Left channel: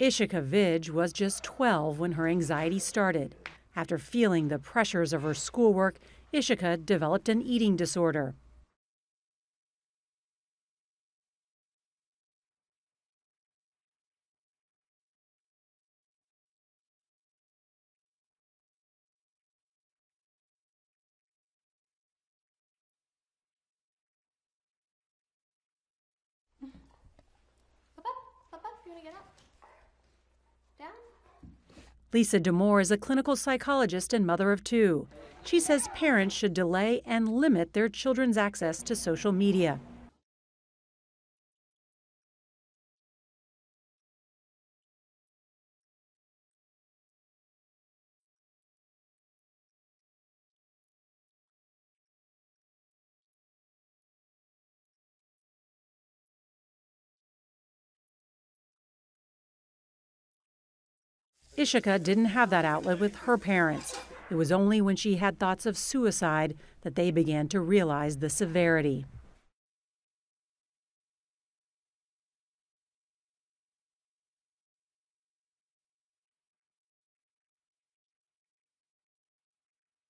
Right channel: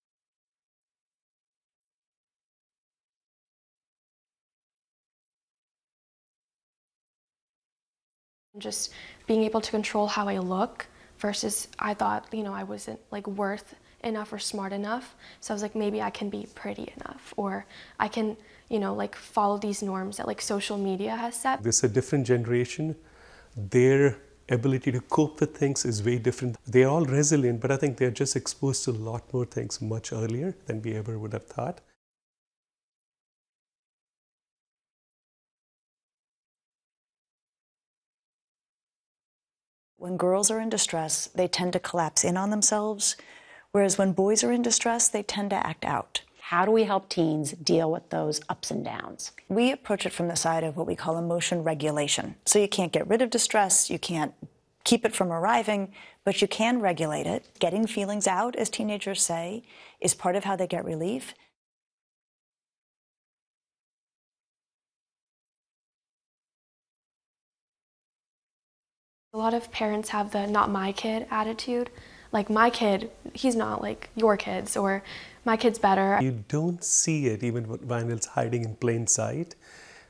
Ishika Vij was just 12 when her anxiety started. After feeling the pressures of her schoolwork, Ishika developed an eating disorder. Just being able to control how I look versus I thought, I wasn't like worth enough or smart enough. So I was like, maybe I can be pretty enough, or I can, like follow these norms that like social media has set. This is a different generation. Their ability to cope with things is way different. They're all resilient, but I think they're just exposed to a lot more things much earlier than we ever would have thought. Lisa Damore is a clinical psychologist and mother of 2. She says parents should delay and limit their children's access to social media. When girls are in distress, they tend to collapse in on themselves, whereas when boys are in distress, they tend to act out. How do we help teens deal with those ups and downs? We approach it from the side of what we call emotion regulation. So you can't get rid of distress, you can't keep it from arriving, but you can regulate it. Getting feelings out, as teenagers say, is part of how they get relief. Ishika didn't have that outlet with her parents. It was only when she had thoughts of suicide that they began to realize the severity. A lot of parents have the not my kid attitude. Like, my kid, he's not like your kids, or my kid's better. You don't see it even when it's hiding in plain sight.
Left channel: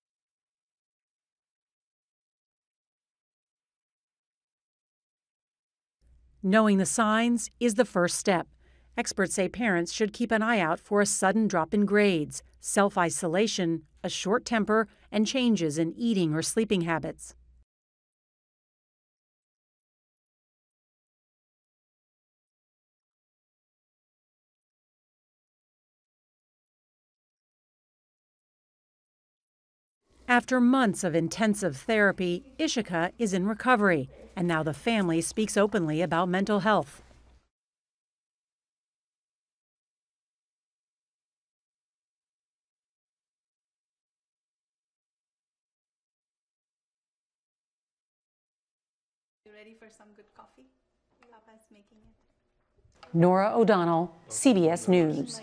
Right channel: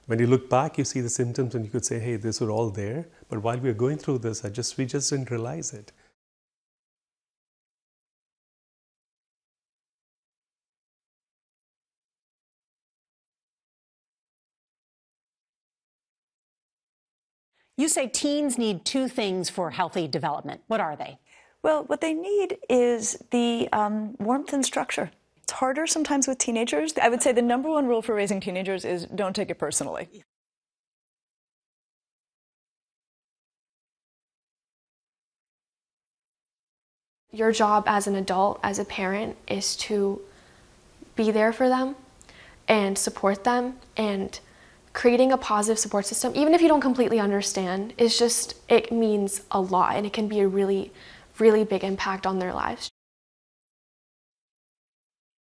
When you look back, you see the symptoms and you could say, hey, these were all there. But while we were going through this, we just didn't realize it. Knowing the signs is the first step. Experts say parents should keep an eye out for a sudden drop in grades, self-isolation, a short temper, and changes in eating or sleeping habits. You say teens need 2 things for healthy development. What are they? Well, what they need is the warmth and structure. It's harder sometimes with teenagers. I would say the #1 rule for raising teenagers is don't take it personally. After months of intensive therapy, Ishika is in recovery, and now the family speaks openly about mental health. Your job as an adult, as a parent, is to be there for them and support them, and creating a positive support system, even if you don't completely understand, it means a lot, and it can be a really, really big impact on their lives. Nora O'Donnell, CBS News.